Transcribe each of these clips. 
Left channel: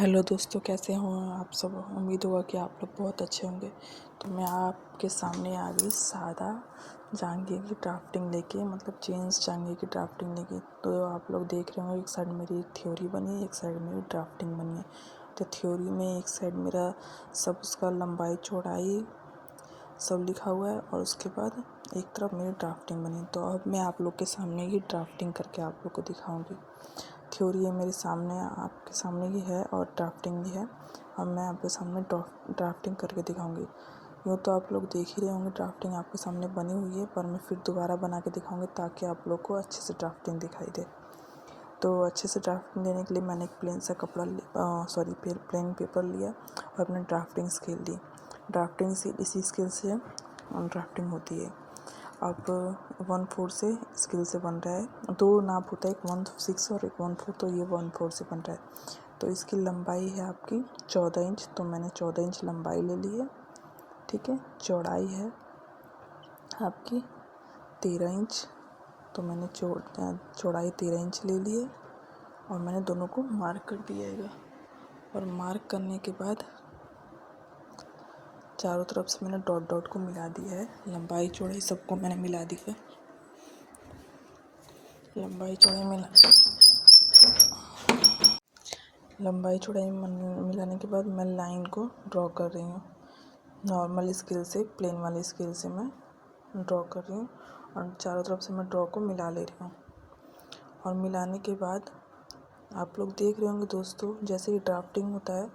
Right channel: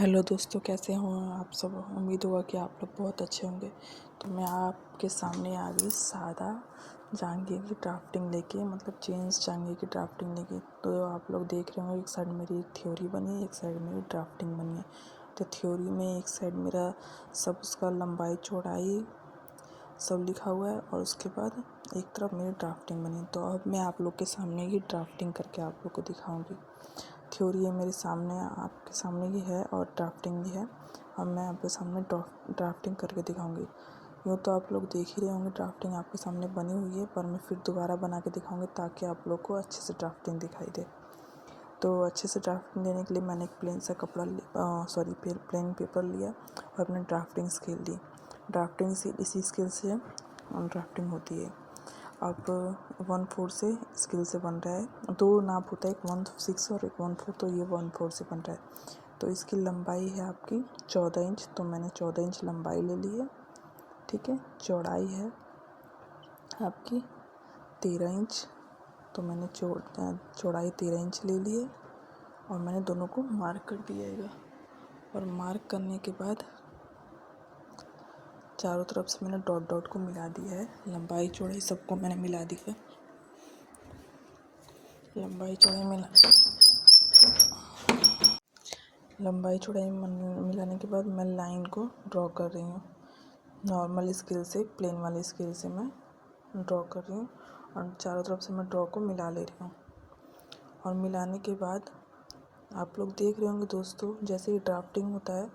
Hello दोस्तों, कैसे हो आप सब। उम्मीद होगा कि आप लोग बहुत अच्छे होंगे। तो मैं आपके सामने आ गई सादा जांघे की ड्राफ्टिंग लेके, मतलब जेंट्स जांघे की ड्राफ्टिंग लेके। तो आप लोग देख रहे होंगे, एक साइड मेरी थ्योरी बनी है, एक साइड मेरी ड्राफ्टिंग बनी है। तो थ्योरी में एक साइड मेरा सब उसका लंबाई चौड़ाई सब लिखा हुआ है और उसके बाद एक तरफ मेरी ड्राफ्टिंग बनी। तो अब मैं आप लोग के सामने ये ड्राफ्टिंग करके आप लोग को दिखाऊंगी। थ्योरी है मेरे सामने, आपके सामने ही है, और ड्राफ्टिंग भी है। अब मैं आपके सामने ड्राफ्टिंग करके दिखाऊंगी। यूँ तो आप लोग देख ही रहे होंगे, ड्राफ्टिंग आपके सामने बनी हुई है, पर मैं फिर दोबारा बना के दिखाऊंगी ताकि आप लोग को अच्छे से ड्राफ्टिंग दिखाई दे। तो अच्छे से ड्राफ्टिंग देने के लिए मैंने एक प्लेन सा प्लेन पेपर लिया और अपने ड्राफ्टिंग स्केल ली। ड्राफ्टिंग से इसी स्केल से ड्राफ्टिंग होती है। अब 1/4 से स्केल से बन रहा है, दो नाप होता है, एक 1/6 और एक 1/4। तो ये 1/4 से बन रहा है। तो इसकी लंबाई है आपकी 14 इंच। तो मैंने 14 इंच लंबाई ले ली है, ठीक है। चौड़ाई है आपकी 13 इंच। तो मैंने चौड़ाई 13 इंच ले ली है और मैंने दोनों को मार्क कर दिया है। और मार्क करने के बाद चारों तरफ से मैंने डॉट डॉट को मिला दिया है। लंबाई चौड़ाई सबको मैंने मिला दी है। लंबाई चौड़ाई मिलाने के बाद मैं लाइन को ड्रॉ कर रही हूँ। नॉर्मल स्केल से, प्लेन वाले स्केल से मैं ड्रॉ कर रही हूँ और चारों तरफ से मैं ड्रॉ को मिला ले रही हूँ। और मिलाने के बाद आप लोग देख रहे होंगे दोस्तों, जैसे ही ड्राफ्टिंग होता है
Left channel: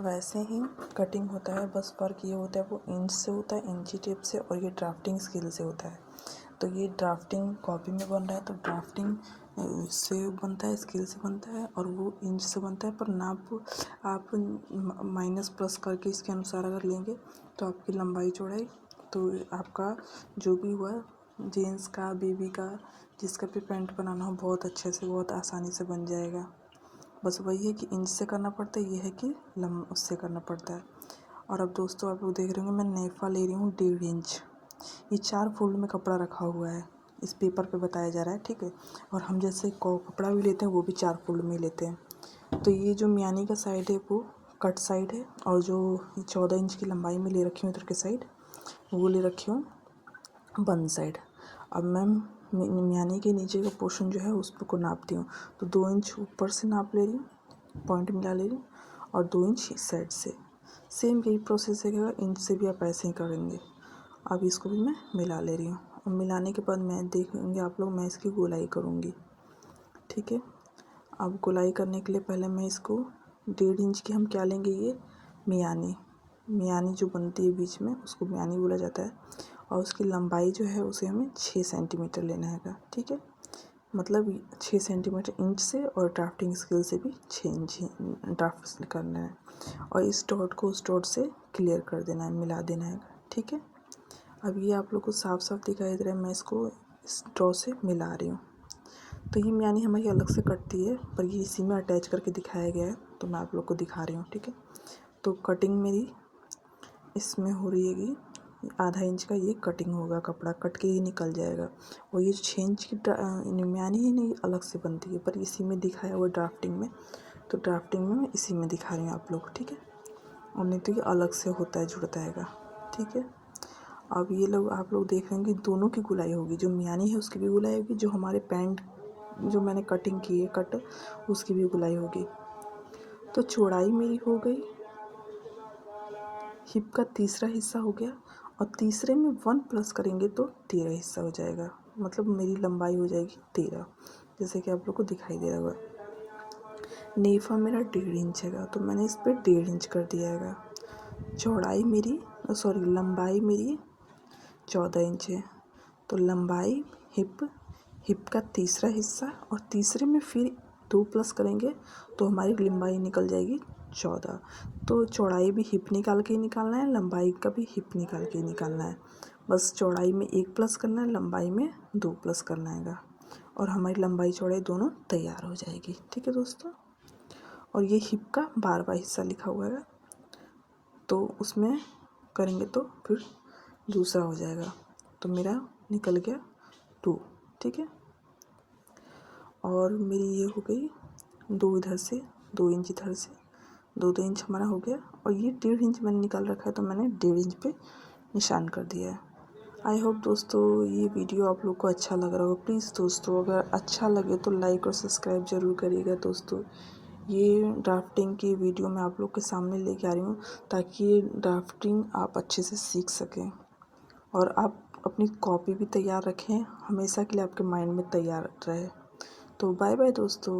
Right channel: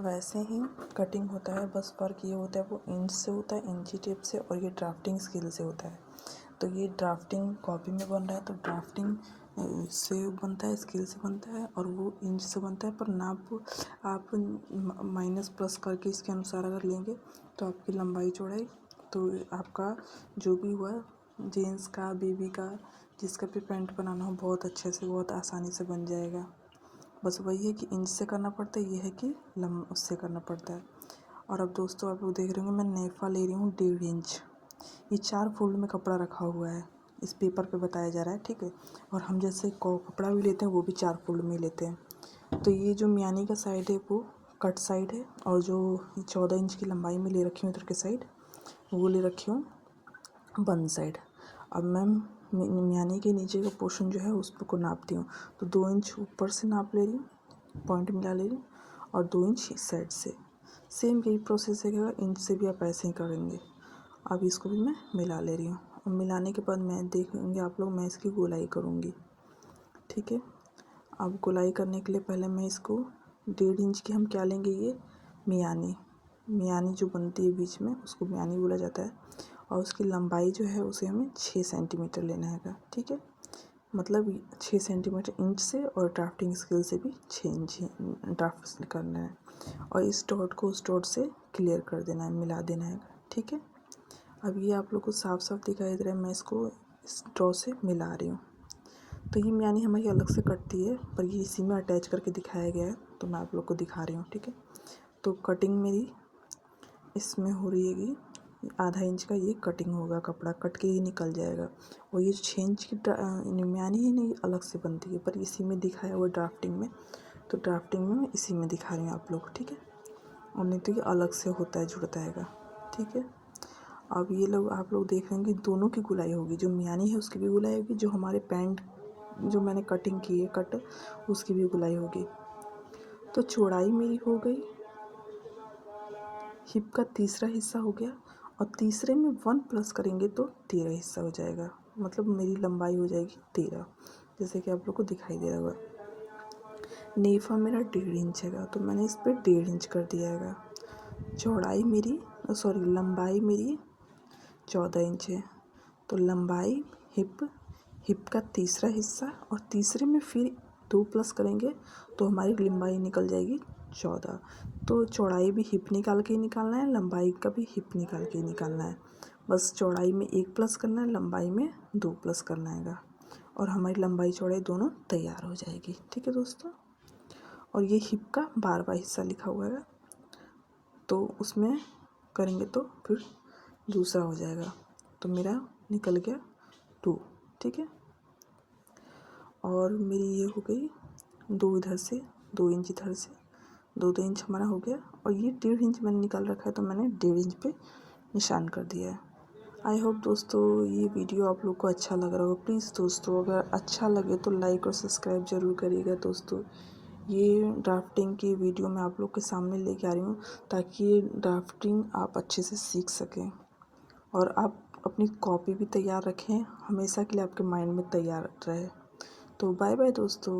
वैसे ही कटिंग होता है। बस फ़र्क ये होता है, वो इंच से होता है, इंची टेप से, और ये ड्राफ्टिंग स्केल से होता है। तो ये ड्राफ्टिंग कॉपी में बन रहा है तो ड्राफ्टिंग से बनता है, स्केल से बनता है, और वो इंच से बनता है। पर नाप आप माइनस प्लस करके इसके अनुसार अगर लेंगे तो आपकी लंबाई चौड़ाई, तो आपका जो भी हुआ, जेंट्स का, बेबी का, जिसका भी पैंट बनाना हो, बहुत अच्छे से, बहुत आसानी से बन जाएगा। बस वही है कि इंच से करना पड़ता है, ये है कि उससे करना पड़ता है। और अब दोस्तों आप लोग देख रहे होंगे, मैं नेफा ले रही हूँ 1.5 इंच। ये 4 फोल्ड में कपड़ा रखा हुआ है, इस पेपर पे बताया जा रहा है, ठीक है। और हम जैसे कपड़ा भी लेते हैं वो भी 4 फोल्ड में लेते हैं। तो ये जो मियानी का साइड है वो कट साइड है, और जो 14 इंच की लंबाई में ले रखी हूँ इधर के साइड, वो ले रखी हूँ बंद साइड। अब मैं मियानी के नीचे का पोर्शन जो है उस पर को नापती हूँ। तो 2 इंच ऊपर से नाप ले रही हूँ, पॉइंट मिला ले रही हूँ, और 2 इंच इस साइड से। सेम यही प्रोसेस है, इंच से भी आप ऐसे ही करेंगे। अब इसको भी मैं मिला ले रही हूँ, और मिलाने के बाद मैं देखेंगे आप लोग, मैं इसकी गोलाई करूँगी, ठीक है। अब गोलाई करने के लिए पहले मैं इसको 1.5 इंच की हम क्या लेंगे, ये मियानी जो बनती है बीच में, उसको मियानी बोला जाता है। और उसकी लंबाई जो है उसे हमें 6 सेंटीमीटर लेना है, ठीक है। मतलब 6 सेंटीमीटर इंच से, और ड्राफ्टिंग स्केल से भी 6 इंच ड्राफ्ट करना है। और इस डॉट को उस डॉट से क्लियर कर देना है, मिला देना है, ठीक है। अब ये आप लोग को साफ साफ दिखाई दे रहा है, मैं इसको इस ड्रॉ से मिला रही हूँ। तो ये मियानी हमारी अलग से कटती है, पर ये इसी में अटैच करके दिखाया गया है, तो मैं आप लोग को दिखा रही हूँ, ठीक है। तो कटिंग मेरी इसमें हो रही है, आधा इंच का ये कटिंग होगा, कपड़ा कट के ही निकल जाएगा। और ये 6 इंच की मियानी है नहीं, अलग से बनती है, पर इसी में दिखाया हुआ ड्राफ्टिंग में। तो ड्राफ्टिंग में मैं इसी में दिखा रही हूँ आप लोग, ठीक है। और नहीं तो ये अलग से होता है, जुड़ता है, ठीक है। अब ये लोग आप लोग देख रहे हैं कि दोनों की गुलाई होगी, जो मियानी है उसकी भी गुलाई होगी, जो हमारे पैंट जो मैंने कटिंग की है कट, उसकी भी गुलाई होगी। तो चौड़ाई मेरी हो गई, हिप का तीसरा हिस्सा हो गया, और तीसरे में 1 प्लस करेंगे तो 13 हिस्सा हो जाएगा। मतलब मेरी लंबाई हो जाएगी 13, जैसे कि आप लोग को दिखाई दे रहा होगा। नेफा मेरा 1.5 इंच है, तो मैंने इस पर 1.5 इंच कर दिया है। चौड़ाई मेरी लंबाई मेरी 14 इंच है। तो लंबाई हिप का तीसरा हिस्सा, और तीसरे में फिर 2 प्लस करेंगे तो हमारी लंबाई निकल जाएगी 14। तो चौड़ाई भी हिप निकाल के निकालना है, लंबाई का भी हिप निकाल के निकालना है। बस चौड़ाई में 1 प्लस करना है, लंबाई में 2 प्लस करना है, और हमारी लंबाई चौड़ाई दोनों तैयार हो जाएगी, ठीक है दोस्तों। और ये हिप का 12वां हिस्सा लिखा हुआ है, तो उसमें करेंगे तो फिर दूसरा हो जाएगा। तो मेरा निकल गया 2, ठीक है। और मेरी ये हो गई 2 इधर से, 2 इंच इधर से, 2 इंच हमारा हो गया और ये 1.5 इंच मैंने निकाल रखा है तो मैंने 1.5 इंच पे निशान कर दिया है। आई होप दोस्तों ये वीडियो आप लोग को अच्छा लग रहा होगा। प्लीज़ दोस्तों अगर अच्छा लगे तो लाइक और सब्सक्राइब ज़रूर करिएगा दोस्तों। ये ड्राफ्टिंग की वीडियो मैं आप लोग के सामने लेके आ रही हूँ ताकि ये ड्राफ्टिंग आप अच्छे से सीख सकें और आप अपनी कॉपी भी तैयार रखें, हमेशा के लिए आपके माइंड में तैयार रहे। तो बाय बाय दोस्तों।